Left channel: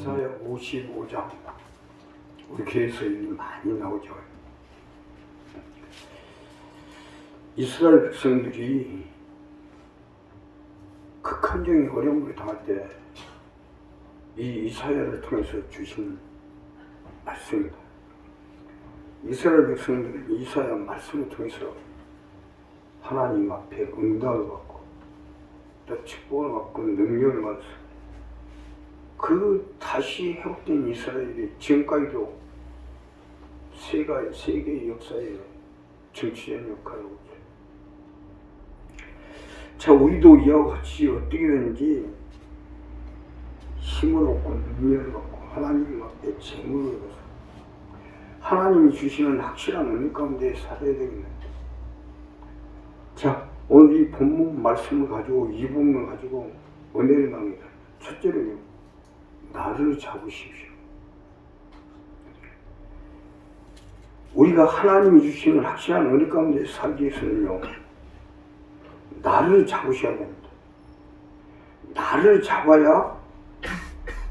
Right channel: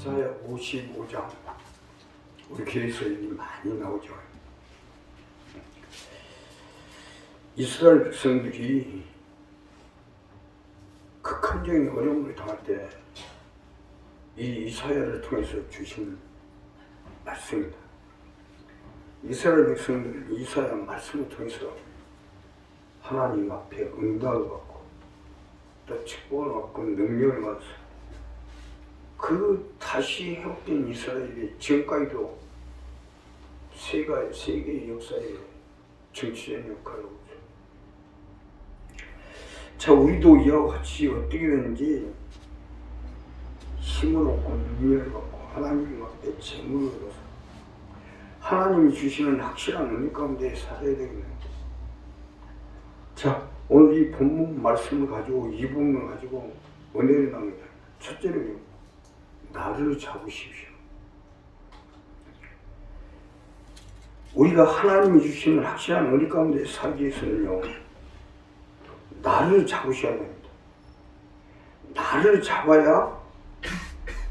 이사야 55장 우리 교회에서 많이 나오죠. 이스라엘 백성들이 극한적인 어려움을 당할 때 이 이사야를 통해서 주신 말씀입니다. 이스라엘 백성들은 이사야 말씀을 통해서 하나님 앞에 응답을 받고 또 축복을 받고 능력을 받아서 그 다시 회복된 이스라엘이 지금까지도 세계의 역사에 정치적인 역할을 하고 있어요. 자, 우리도 이와 같이 어떻게 되는지 힘을 얻고 능력을 받고 하나님 앞에 재물을 얻어서 하나님이 주시는 확실한 은혜 가운데 살아야 되겠는데, 자, 오늘 이 본문 말씀을 가지고 이 부분을 가지고 은혜를 나눕니다. 첫째로 나를 잡으십시오. 우리가 하나님이 주시는 확실한 은혜 가운데 살기 위해서는요, 나를 잡으셔야 됩니다. 나를 잡아야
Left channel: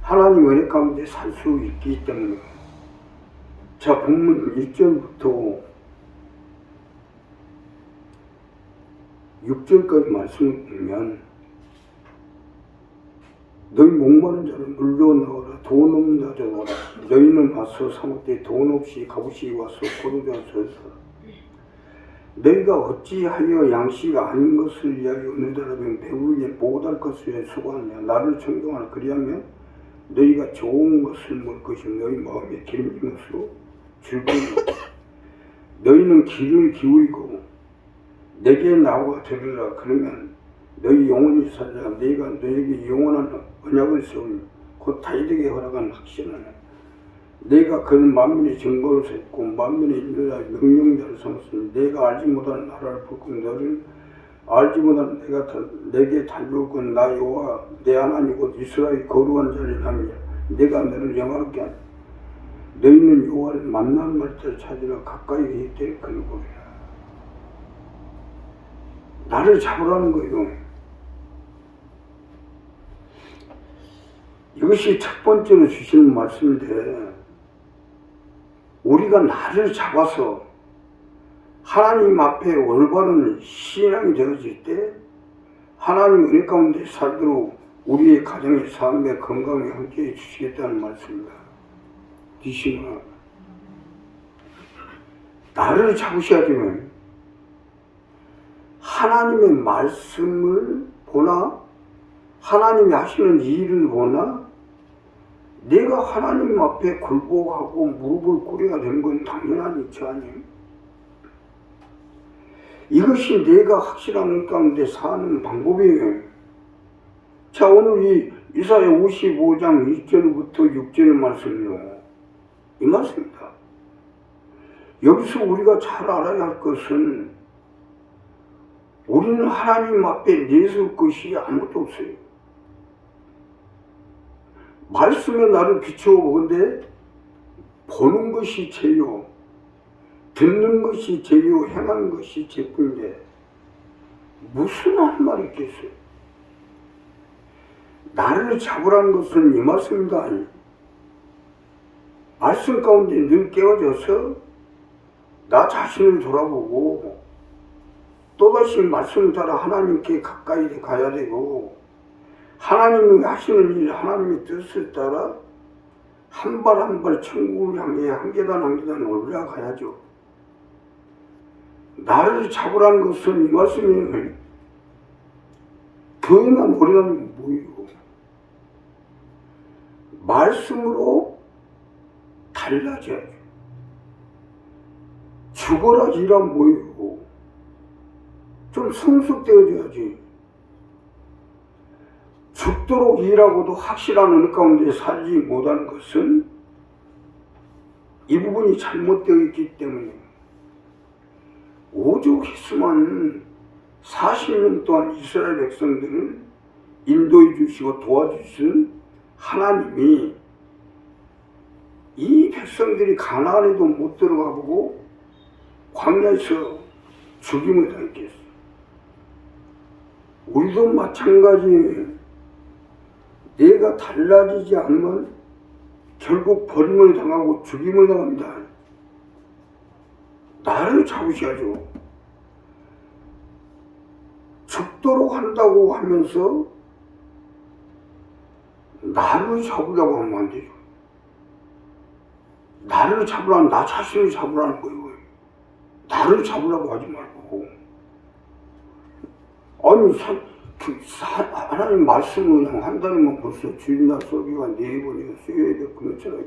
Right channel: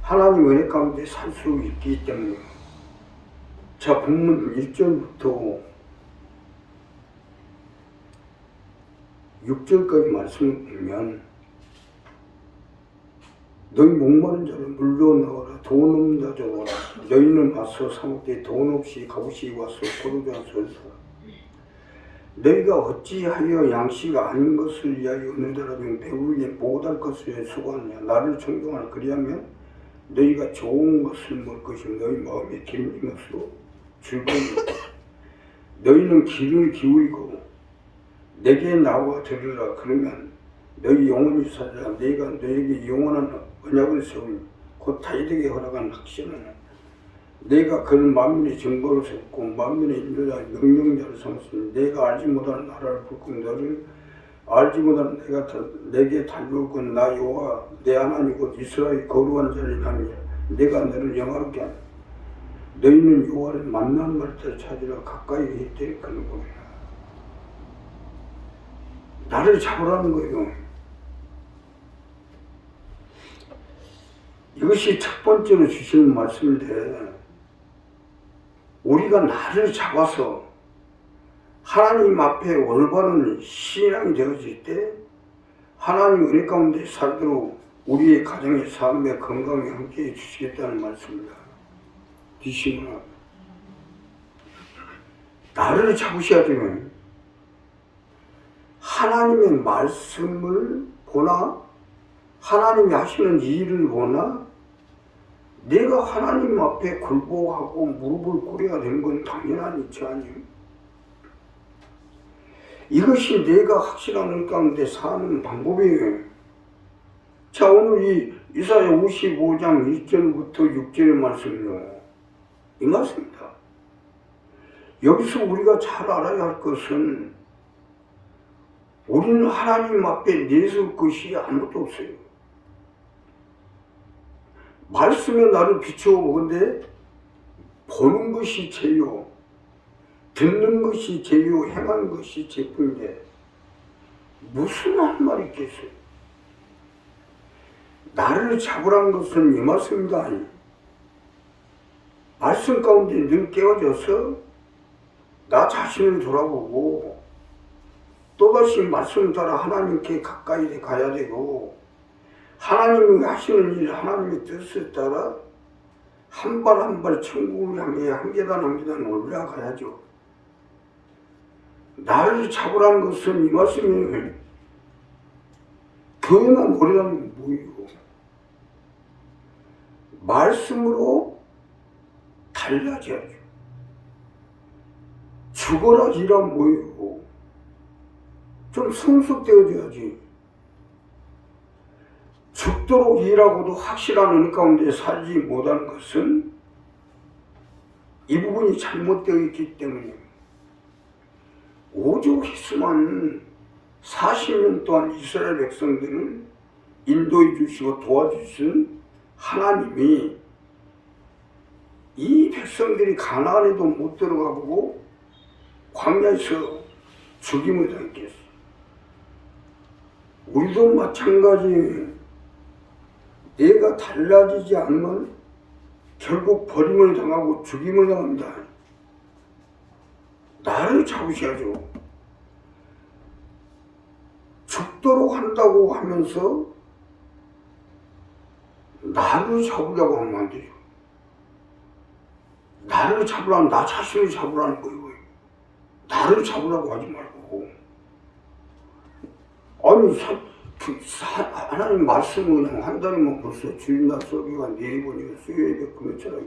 하나님 은혜 가운데 살 수 있기 때문에. 자, 본문 1절부터 6절까지 말씀을 보면, 너희 목마른 자를 물러 나오라. 돈 없는 자를 오라. 너희는 와서 사먹되 돈 없이 값없이 와서 포도주와 소리소라. 너희가 어찌하여 양식 아닌 것을 위하여 느더라면 배우에 못할 것을 위해 수고하느냐. 나를 청종하라. 그리하면 너희가 좋은 것을 먹을 것이며 너희 마음에 기름진 것으로 줄 것이다. 너희는 귀를 기울이고 내게 나와 들으라. 그러면 너희 영원히 살리라. 내가 너에게 영원한 언약을 세우니 곧 다윗에게 허락한 확신하나. 내가 그는 만민의 정보를 세웠고 만민의 인도자 명령자를 삼았으니 내가 알지 못하는 나라를 붉고 너를 알지 못하는 내게 달려올 건 나 여호와 내 하나님 곧 이스라엘 거룩한 자를 함이야. 내가 너를 영화롭게 하니 너희는 여호와를 만나는 날짜를 찾으라. 가까이 있되 그를 보리라. 나를 잡으라는 거예요. 이것이 첫 번째로 주시는 말씀인데, 우리가 나를 잡아서 하나님 앞에 올바른 신앙이 되어질 때 하나님 은혜 가운데 살도록 우리의 가정의 삶의 건강에 함께해 주시겠다는 말씀입니다. 디시나 나를 잡으셔야 되면 하나님의 말씀을 보나 하나님이 하시는 일을 보나 내가 하나님 앞에 굴복하고 무릎을 꿇어야 되는 건 당연한 이치 아니에요. 이것이 내가 확실한 일 가운데 사는 방법이에요. 자, 오늘 이 이사야 55장 1절부터 6절의 말씀이요, 이 말씀입니다. 여기서 우리가 잘 알아야 할 것은 우리는 하나님 앞에 내세울 것이 아무것도 없어요. 말씀에 나를 비추어 보건대 보는 것이 죄요, 듣는 것이 죄요, 행하는 것이 죄뿐인데 무슨 할 말이 있겠어요? 나를 잡으라는 것은 이 말씀입니다. 말씀 가운데 늘 깨어져서 나 자신을 돌아보고 또다시 말씀을 따라 하나님께 가까이 가야 되고, 하나님이 하시는 일, 하나님의 뜻을 따라 한 발 한 발 천국을 향해 한 계단 한 계단 올라가야죠. 나를 잡으라는 것은 이 말씀이 교회나 모래는 모이고 말씀으로 달라져야죠. 죽어라 지라 모이고 좀 성숙되어져야지. 죽도록 일하고도 확실한 은혜 가운데 살지 못하는 것은 이 부분이 잘못되어 있기 때문에, 오죽했으면 40년 동안 이스라엘 백성들을 인도해 주시고 도와주신 하나님이 이 백성들이 가나안에도 못 들어가 보고 광야에서 죽임을 당했겠어요. 우리도 마찬가지예요. 내가 달라지지 않으면 결국 버림을 당하고 죽임을 당합니다. 나를 잡으셔야죠. 죽도록 한다고 하면서 나를 잡으려고 하면 안 되죠. 나를 잡으라는, 나 자신을 잡으라는 거예요. 나를 잡으라고 하지 말고. 아니, 하나님 말씀을 그냥 한 달이면 벌써 주일날 소리가 4번이고 수요일에 그렇잖아요.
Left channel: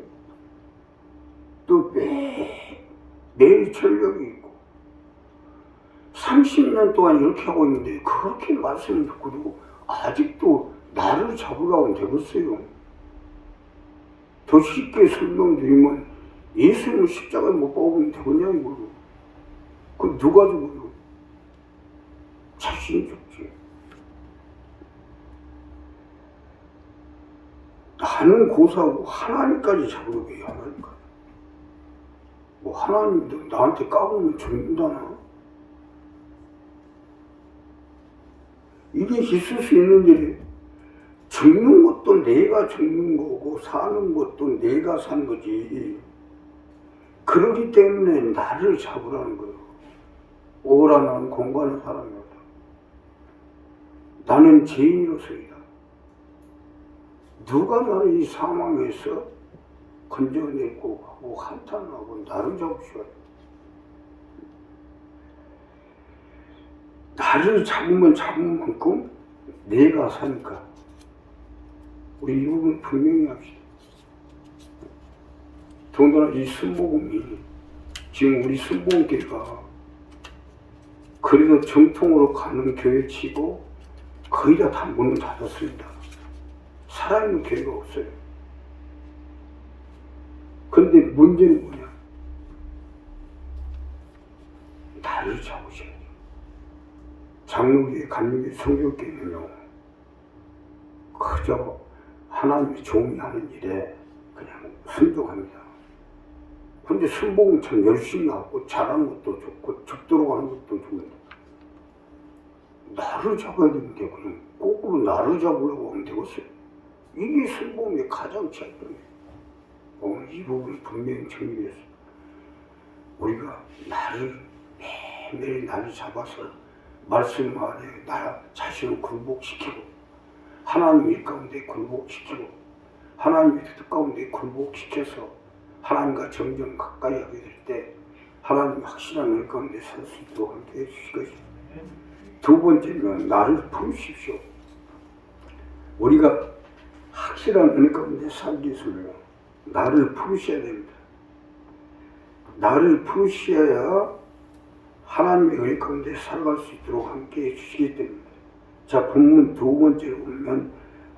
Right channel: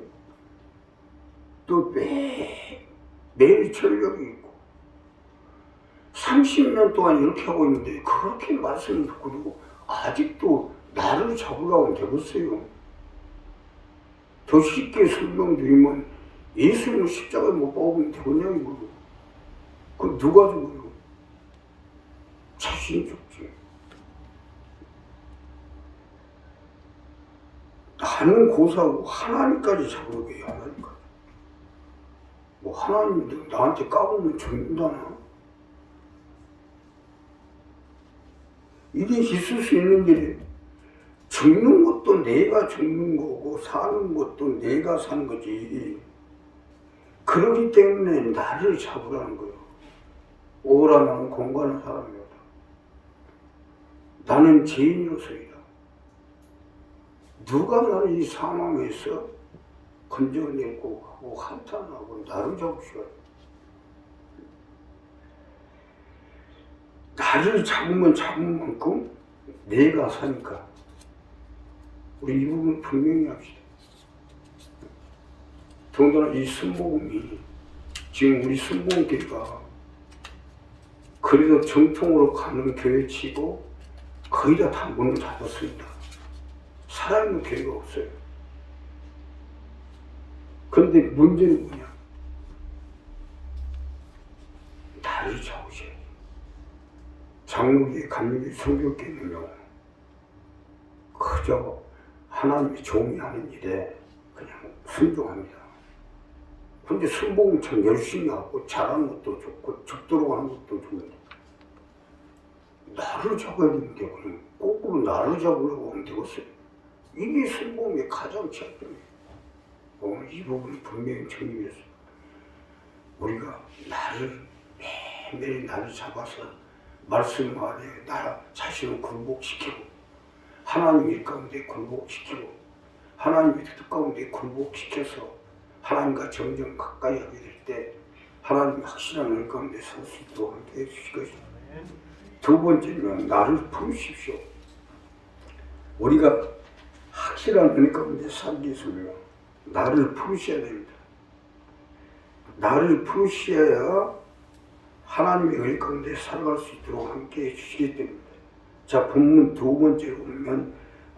또 매일 철벽이 있고 30년 동안 이렇게 하고 있는데 그렇게 말씀을 듣고 아직도 나를 잡으라고 되겠어요. 더 쉽게 설명드리면 예수님을 십자가에 못 박으면 되겠냐고. 그럼 누가 죽어요? 자신이 죽지. 나는 고사하고 하나님까지 잡으려고 해요. 하나님까지. 뭐 하나님도 나한테 까불면 죽는다나? 이게 있을 수 있는 일이, 죽는 것도 내가 죽는 거고 사는 것도 내가 사는 거지. 그러기 때문에 나를 잡으라는 거예요. 오라 나는 공부하는 사람이다. 나는 죄인으로서이다. 누가 나를 이 상황에서 건져내고 하고 한탄하고 나를 잡으셔야 돼. 나를 잡으면 잡은 만큼 내가 사니까. 우리 이 부분 분명히 합시다. 더군다나 이 순복음이 지금 우리 순복음교회가 그래도 정통으로 가는 교회치고 거의 다 문을 닫았습니다. 살아있는 교회가 없어요. 그런데 문제는 뭐냐? 나를 잡으셔야죠. 장로교회, 감리교회, 성교교회는요, 그저 하나님의 종이 하는 일에 그냥 순종합니다. 그런데 순복음처럼 열심히 하고 잘하는 것도 좋고 죽도록 하는 것도 좋은데 나를 잡아야 되는데 그냥 거꾸로 나를 잡으려고 하면 되겠어요. 이게 순복음의 가장 취약점이에요. 오늘 이 부분을 분명히 정리해서 우리가 나를 매일매일 나를 잡아서 말씀 안에 나 자신을 굴복시키고 하나님 일 가운데 굴복시키고 하나님의 뜻 가운데 굴복시켜서 하나님과 점점 가까이 하게 될 때 하나님이 확실한 일 가운데 살 수 있도록 함께 해주시겠습니다. 두 번째는 나를 부르십시오. 우리가 확실한 일 가운데 살기 위해서는 나를 부르셔야 됩니다. 나를 부르셔야 하나님의 일 가운데 살아갈 수 있도록 함께 해주시기 때문에. 자, 본문 두 번째로 보면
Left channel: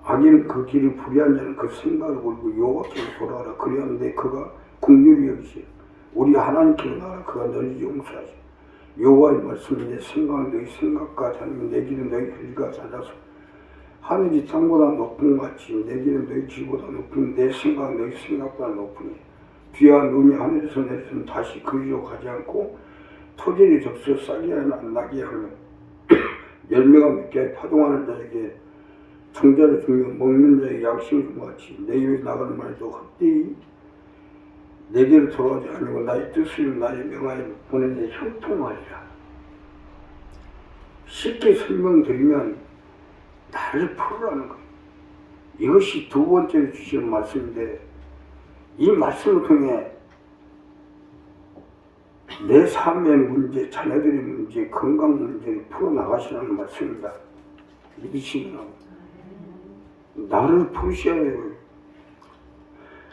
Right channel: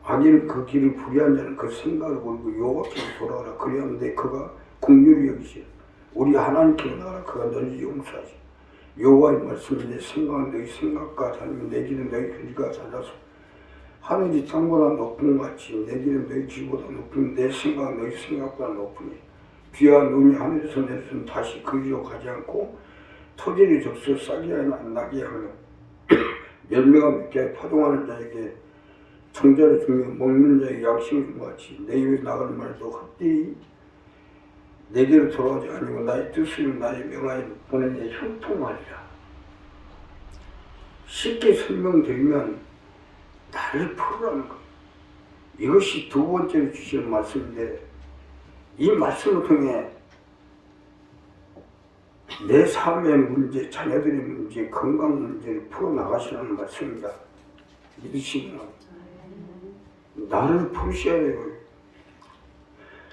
악인은 그 길을 불의한 자는 그 생각을 버리고 여호와께로 돌아가라. 그리하는데 그가 긍휼히 여기시오. 우리 하나님께로 나가라. 그가 너희 용서하시오. 여호와의 말씀이 내 생각은 너희 생각과 다르면 내 길은 너희 길과 달라서 하늘이 땅보다 높은 것 같이 내 길은 너희 길보다 높은 내 생각은 너희 생각보다 높으니 비와 눈이 하늘에서 내려서는 다시 그리로 가지 않고 토지를 적셔 싹이 안 나게 하며 열매가 맺게 파동하는 자에게 정자를 주며 먹는 자에게 양식을 준 것 같이 내 입에 나가는 말도 헛되이 내게로 돌아오지 아니고 나의 뜻을 나의 명하에 보낸 데 형통하리라. 쉽게 설명드리면 나를 풀으라는 것. 이것이 두 번째로 주시는 말씀인데 이 말씀을 통해 내 삶의 문제, 자녀들의 문제, 건강 문제를 풀어나가시라는 말씀입니다. 믿으시면 나를 풀으셔야 해요.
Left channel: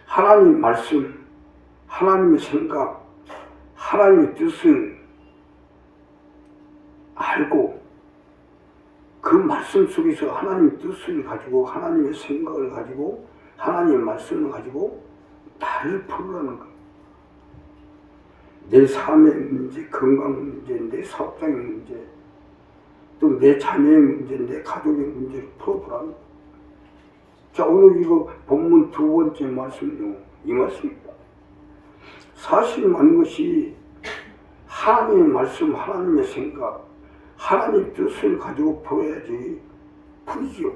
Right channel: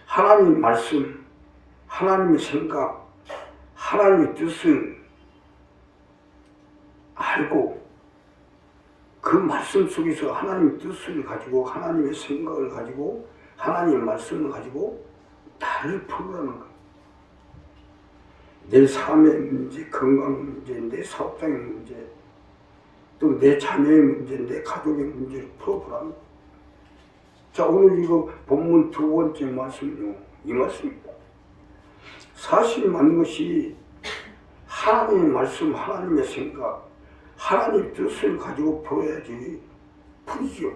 하나님의 말씀, 하나님의 생각, 하나님의 뜻을 알고 그 말씀 속에서 하나님의 뜻을 가지고 하나님의 생각을 가지고 하나님의 말씀을 가지고 나를 풀으라는 거예요. 내 삶의 문제, 건강 문제, 내 사업장의 문제, 또 내 자녀의 문제, 내 가족의 문제를 풀어보라는 거예요. 자, 오늘 이거 본문 두 번째 말씀은요, 이 말씀입니다. 사실 많은 것이 하나님의 말씀, 하나님의 생각, 하나님의 뜻을 가지고 풀어야지 풀지요.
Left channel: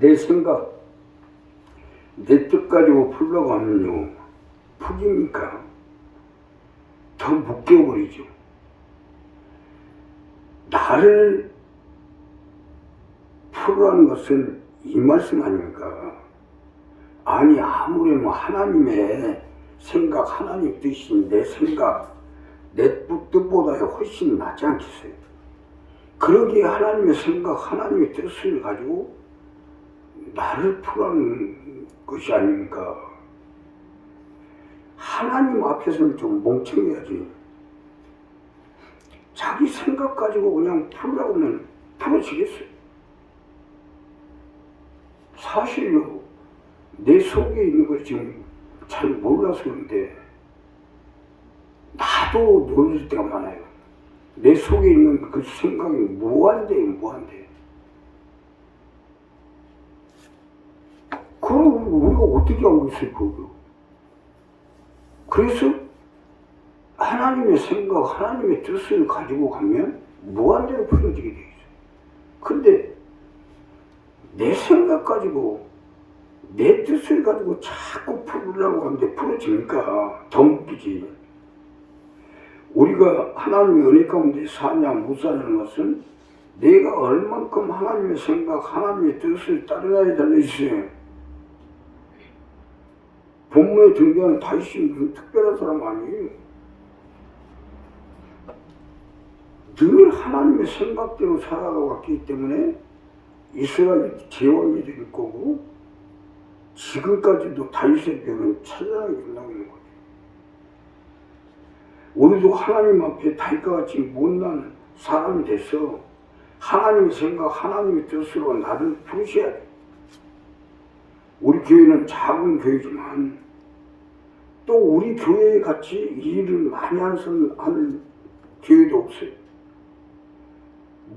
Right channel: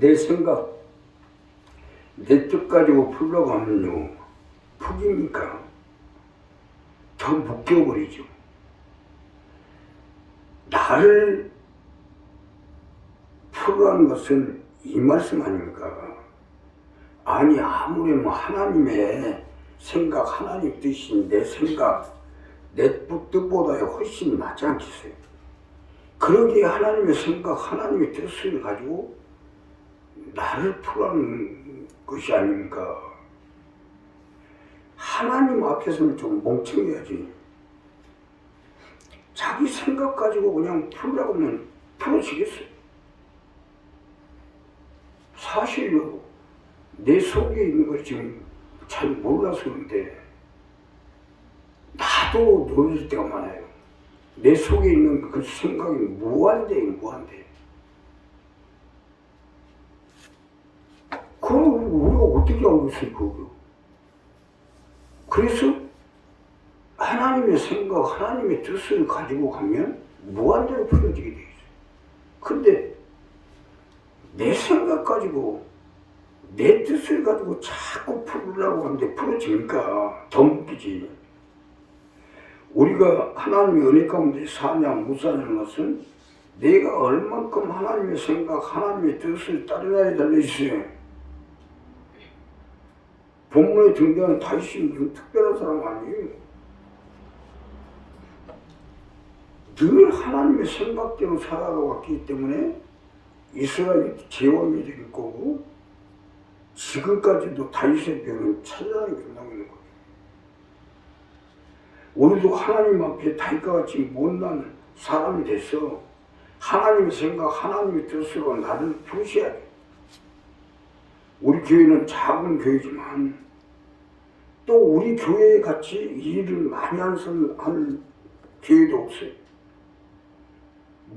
내 생각, 내 뜻 가지고 풀려고 하면요, 푹이니까 더 묶여버리죠. 나를 풀으라는 것은 이 말씀 아닙니까? 아니, 아무리 뭐 하나님의 생각, 하나님 뜻이 내 생각, 내 뜻보다 훨씬 낫지 않겠어요? 그러기에 하나님의 생각, 하나님의 뜻을 가지고 나를 풀라는 것이 아닙니까? 하나님 앞에서는 좀 멍청해야지. 자기 생각 가지고 그냥 풀라고 하면 풀어지겠어요? 사실요, 내 속에 있는 걸 지금 잘 몰라서 그런데 나도 놀랄 때가 많아요. 내 속에 있는 그 생각이 무한대. 그럼 우리가 어떻게 알고 있을까요? 그래서 하나님의 생각, 하나님의 뜻을 가지고 가면 무한대로 풀어지게 되겠어요. 근데 내 생각 가지고, 내 뜻을 가지고 자꾸 풀으려고 하는데 풀어지니까 더 웃기지. 우리가 하나님의 은혜 가운데 사냐 못 사는 것은 내가 얼만큼 하나님의 생각, 하나님의 뜻을 따르냐에 달려있어요. 본문에 등장하는 다윗은 특별한 사람 아니에요. 늘 하나님의 생각대로 살아왔기 때문에 이스라엘이 제왕이 될 거고, 지금까지도 다윗의 별은 찬란하게 빛나고 있는 거예요. 우리도 하나님 앞에 다윗과 같이 못난 사람이 돼서 하나님의 생각, 하나님의 뜻으로 나를 부르셔야 돼. 우리 교회는 작은 교회지만 또 우리 교회에 같이 일을 많이 하는 교회도 없어요.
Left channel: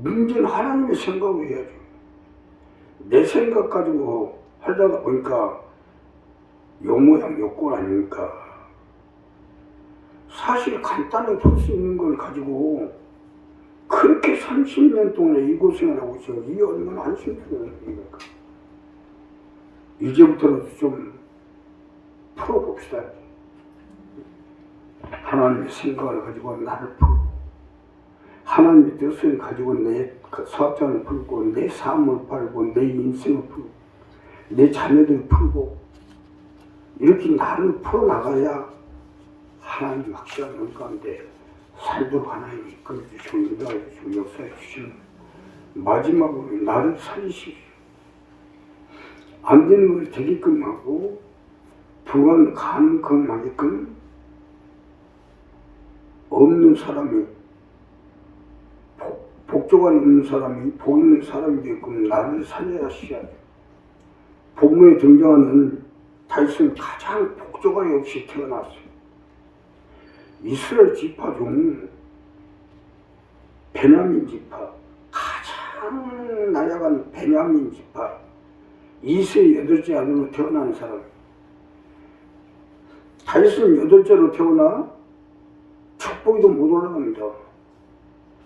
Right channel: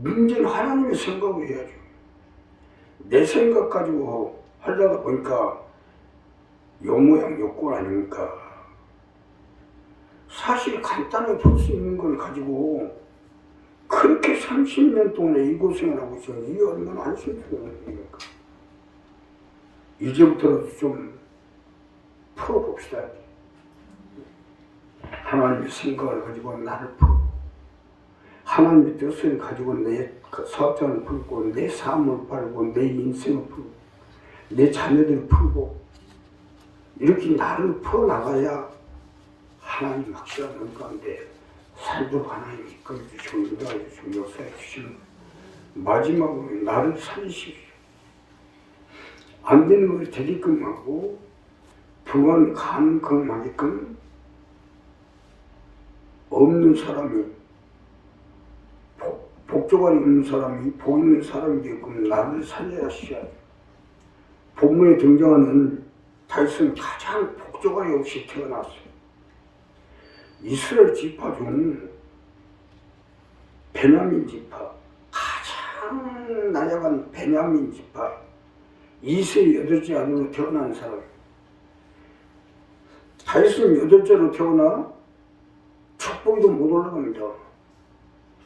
문제는 하나님의 생각을 해야죠. 내 생각 가지고 하려다 보니까 요 모양 요 꼴 아닙니까? 사실 간단하게 풀 수 있는 걸 가지고 그렇게 30년 동안 이 고생을 하고 있어요. 이게 얼마나 한심스러운 일입니까? 이제부터라도 좀 풀어봅시다. 하나님의 생각을 가지고 나를 풀고, 하나님의 뜻을 가지고 내 사업장을 풀고, 내 삶을 풀고, 내 인생을 풀고, 내 자녀들을 풀고, 이렇게 나를 풀어나가야 하나님 확실한 은 가운데 살도록 하나님 이끌어주시고 인도해주시고 역사해주시고, 마지막으로 나를 살리십시오. 안 되는 걸 되게끔 하고 불가능 가능하게끔 없는 사람이 복조가 있는 사람이 복 있는 사람이 되게끔 나를 살려야 하시야. 본문에 등장하는 다윗은 가장 복조가 없이 태어났어요. 이스라엘 지파 중 베냐민 지파, 가장 나약한 베냐민 지파, 2세 8째 아들로 태어난 사람. 다윗은 8째로 태어나 축복이도 못 올라갑니다.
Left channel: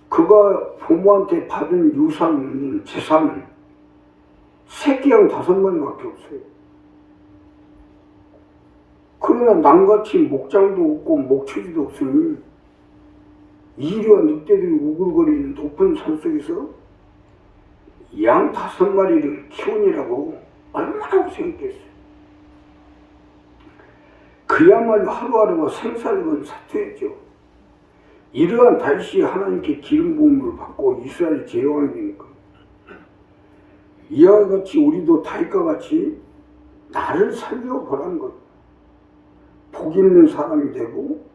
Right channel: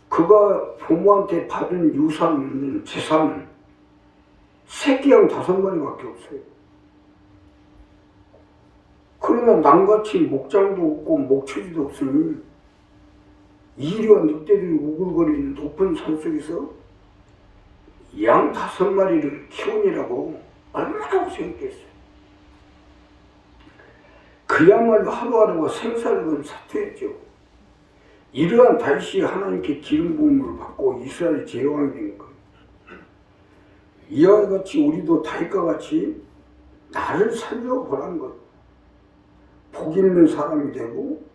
그가 부모한테 받은 유산, 재산, 새끼양 5마리밖에 없어요. 그러나 남같이 목장도 없고 목초지도 없으니 이리와 늑대들이 우글거리는 높은 산속에서 양 5마리를 키우느라고 얼마나 고생했겠어요. 그야말로 하루하루가 생사를 사투했죠. 이러한 다윗이 하나님께 기름 부음을 받고 이스라엘 제왕이 된 것. 이와 같이 우리도 다윗과 같이 나를 살려보라는 것. 복 있는 사람이 되고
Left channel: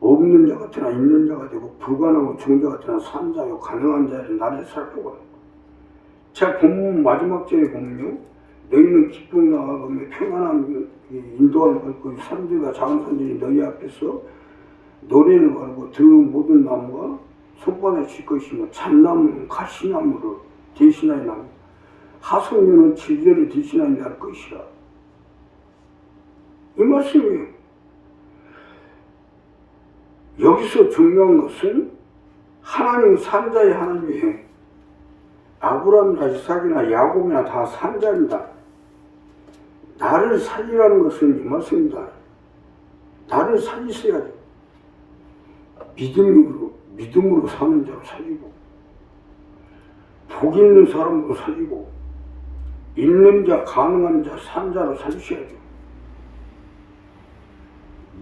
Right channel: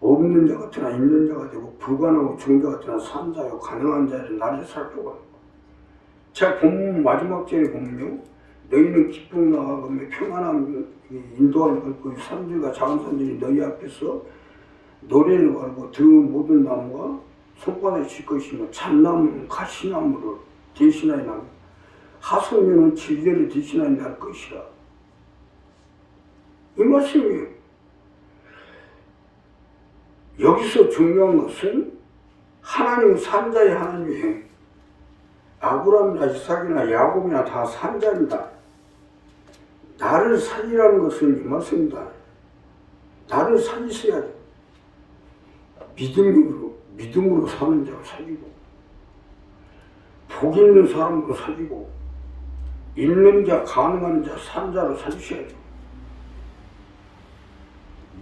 없는 자 같으나 있는 자가 되고 불가능하고 중자 같으나 산 자요 가능한 자를 나를 살펴보라. 자, 본문 마지막 절에 보면요, 너희는 기쁨 나가며 평안한 인도함을 받고 산들과 작은 산들이 너희 앞에서 노래를 바르고 그 모든 나무가 손바닥에 칠 것이며 참나무는 가시나무를 대신하여 나무, 하소면은 질개를 대신하여 날 것이라. 이 말씀이에요. 여기서 중요한 것은 하나님은 산자의 하나님이에요. 아브라함이나 이삭이나 야곱이나 다 산자입니다. 나를 살리라는 것은 이것입니다. 나를 살리셔야지. 믿음으로 사는 자를 살리고, 복 있는 사람으로 살리고, 있는 자, 가능한 자, 산 자로 살리셔야죠.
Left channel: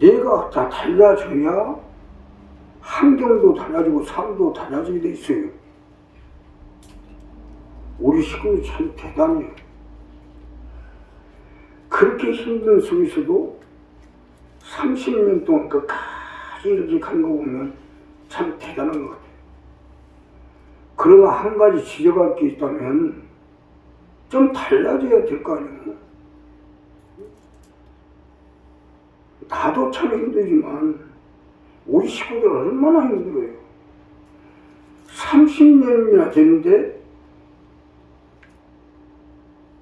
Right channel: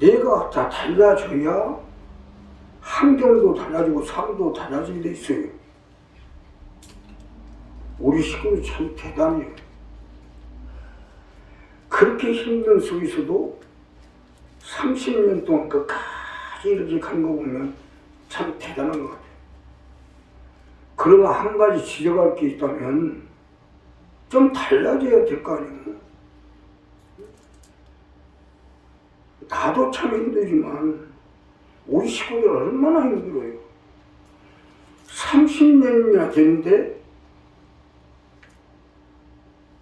내가 다 달라져야 환경도 달라지고 삶도 달라지게 돼 있어요. 우리 식구도 참 대단해요. 그렇게 힘든 속에서도 30년 동안 끝까지 이렇게 가는 거 보면 참 대단한 것 같아요. 그러나 한 가지 지적할 게 있다면 좀 달라져야 될 거 아니에요. 나도 참 힘들지만 우리 식구들 얼마나 힘들어요. 30년이나 됐는데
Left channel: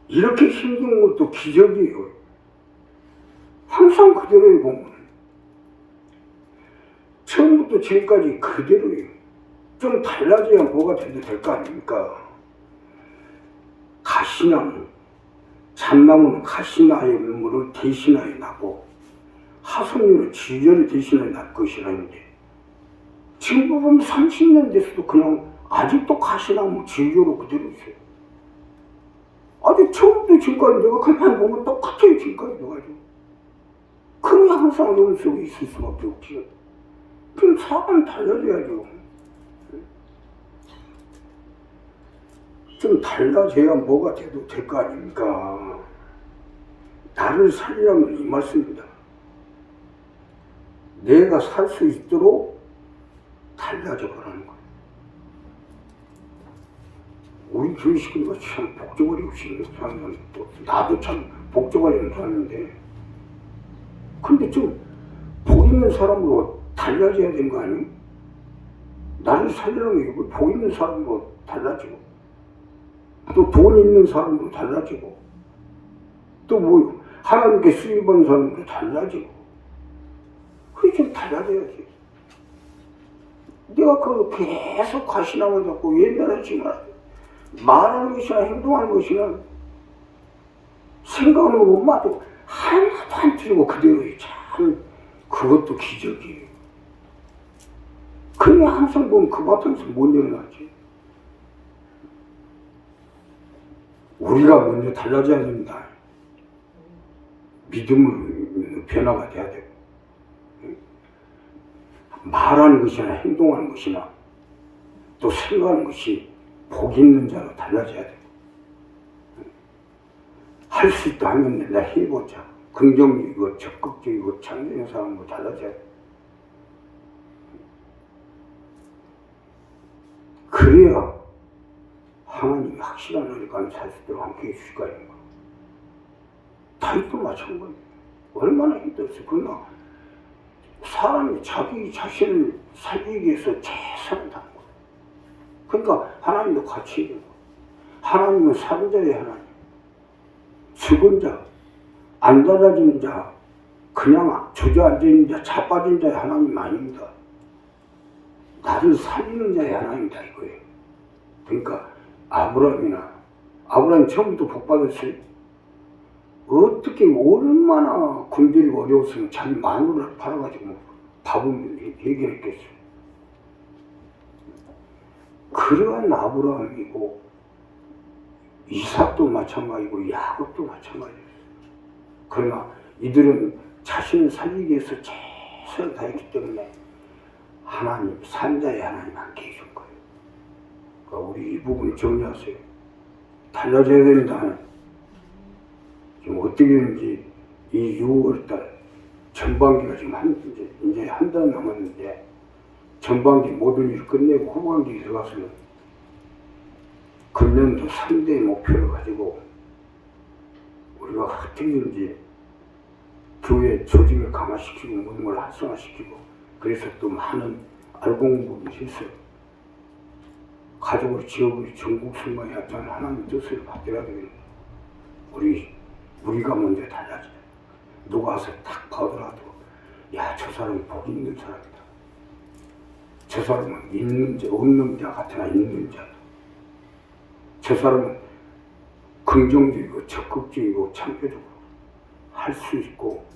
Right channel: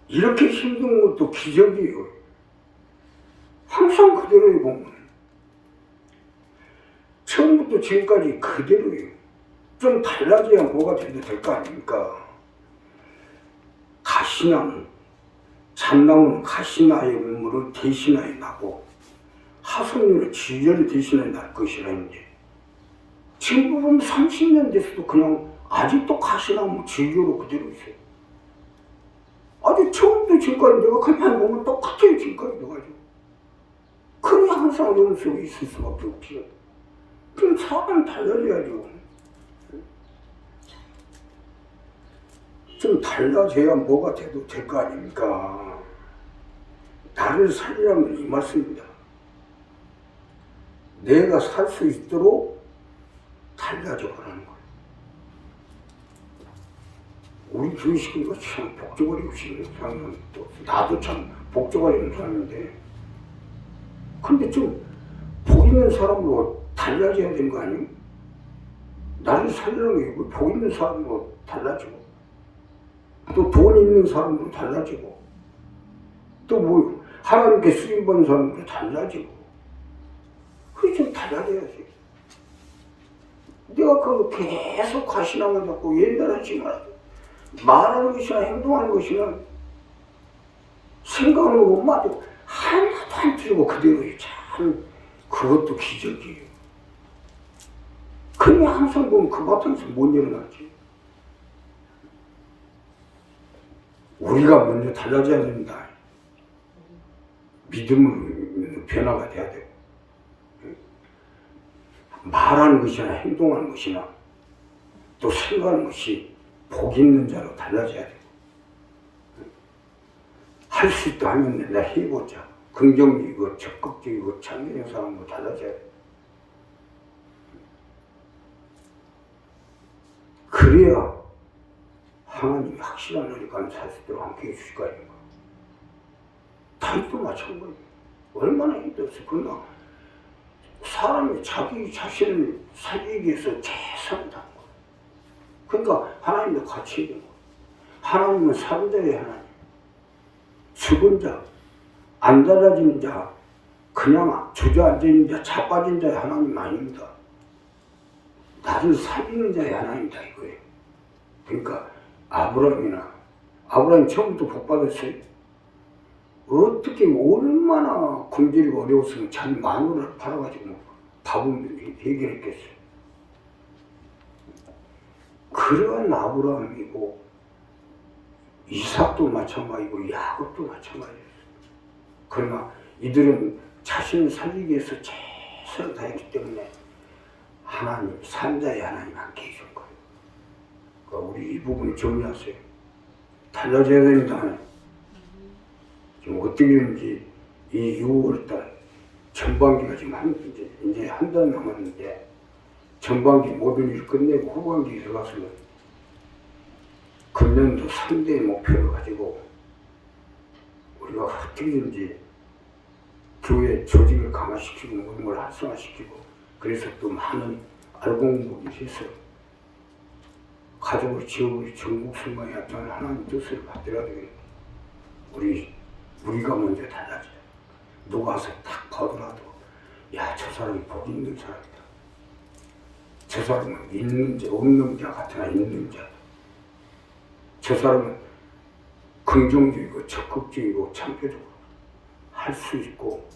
이렇게 힘든 것도 기적이에요. 항상 그대로예요, 보면. 처음부터 지금까지 그대로예요. 좀 달라져야 뭐가 돼도 될 거 아닙니까? 가시나무, 잣나무는 가시나의 물을 대신하여 나고 하성류는 지절을 대신하여 날 것이라는데, 지금 보면 30년 됐어도 그냥 아직도 가시나무 지절로 그대로 있어요. 아주 처음부터 지금까지 내가 가만히 보면 똑같아요. 지금까지 내가. 그러니 항상 어려움 속에 있을 수밖에 없죠. 그럼 사람 달라져야죠. 좀 달라져야 뭐가 돼도 될 거 아닙니까? 나를 살리라면 이 말씀입니다. 내가 살 수 있도록 달라져 보라는 거예요. 우리 교회 식구가 참 복잡하게 입시는 사람은 또 나도 참 복잡하게 입는 사람인데, 근데 좀 복 있는 사람으로 달라져야 되는 거 아니에요? 나를 살리라는 게 복 있는 사람으로 달라지고, 또 돈 있는 사람으로 달라지고, 또 뭐 하나님께 쓰임받는 사람으로 달라지고, 그게 좀 달라져야지. 내가 그 계속 가시나무 잡고 옛날에 지금 말하는 것이나 행동하는 것이나 생각하는 것마도 하나도 안 틀리고 그대로예요. 참 그것도 기적이에요. 그냥 항상 보면 그 바탕에서 못 일어나지. 우리가 먼저 달라져야 됩니다. 믿음으로 변화가 돼야 돼요. 말하는 것이나 행동하는 것이나 또 생각하는 것이 복 있는 자로 달라져야 돼요. 할 수 있다 하면 내가 해보자. 긍정적이고 적극적이고 창의적인 사람으로 달라져야 돼요. 그래야 하나님이 확실한 은혜 감사할 수 있도록 함께 해주실 거 아닙니까? 다윗도 마찬가지예요. 얼마나 힘들었어. 그러나 사람이 자기 자신을 살리기 위해서 최선을 다한 거예요. 그러니까 하나님도 같이 해요. 하나님은 산자의 하나님, 죽은 자, 안 달라지는 자, 그냥 주저앉아있는 자, 자빠진 자의 하나님 아닙니다. 나를 살리는 자의 하나님이다 이거예요. 그러니까 아브라함이 처음부터 복 받았어요. 어떻게 얼마나 굶주리고 어려웠으면 자기 마누라를 팔아가지고 밥은 해결했겠어요. 그러한 아브라함이고 이삭도 마찬가지고 야곱도 마찬가지였어요. 그러나 이들은 자신을 살리기 위해서 최선을 다했기 때문에 하나님, 산자의 하나님 함께 해줄 거예요. 그러니까 우리 이 부분 정리하세요. 달라져야 됩니다. 지금 어떻게든지 이 6월달 전반기가 지금 이제 한 달 남았는데, 전반기 모든 일을 끝내고 후반기에 들어가서는 금년도 3대의 목표를 가지고 우리가 어떻게든지 교회 조직을 강화시키고 모든 걸 활성화시키고, 그래서 또 많은 알공복이 해서 가족을 지역을 전국 순간에 합하는 하나님 뜻을 받들어야 되겠다. 우리가 먼저 달라져요. 누가 와서 딱 봐더라도 야, 저 사람이 복 있는 사람이다. 저 사람은 있는 자 없는 자 같으나 있는 자. 저 사람은 긍정적이고 적극적이고 창조적으로 할 수 있고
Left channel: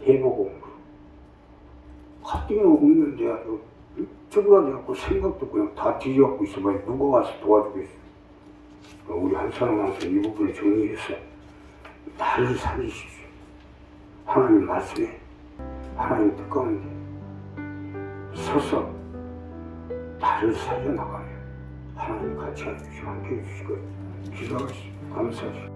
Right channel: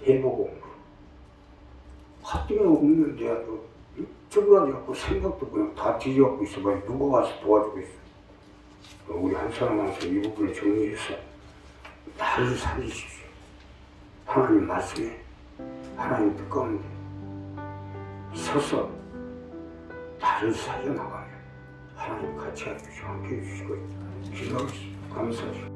해보고 합병 없는데 아주 쭈그라져갖고 생각도 그냥 다 뒤져갖고 있어봐야 누가 와서 도와주겠어. 우리 한 사람 와서 이 부분을 정리해서 나를 살리십시오. 하나님 말씀에 하나님 뜻 가운데 서서 나를 살려나가며 하나님 같이 해주시고 함께 해주시고 기도하겠습니다. 감사합니다.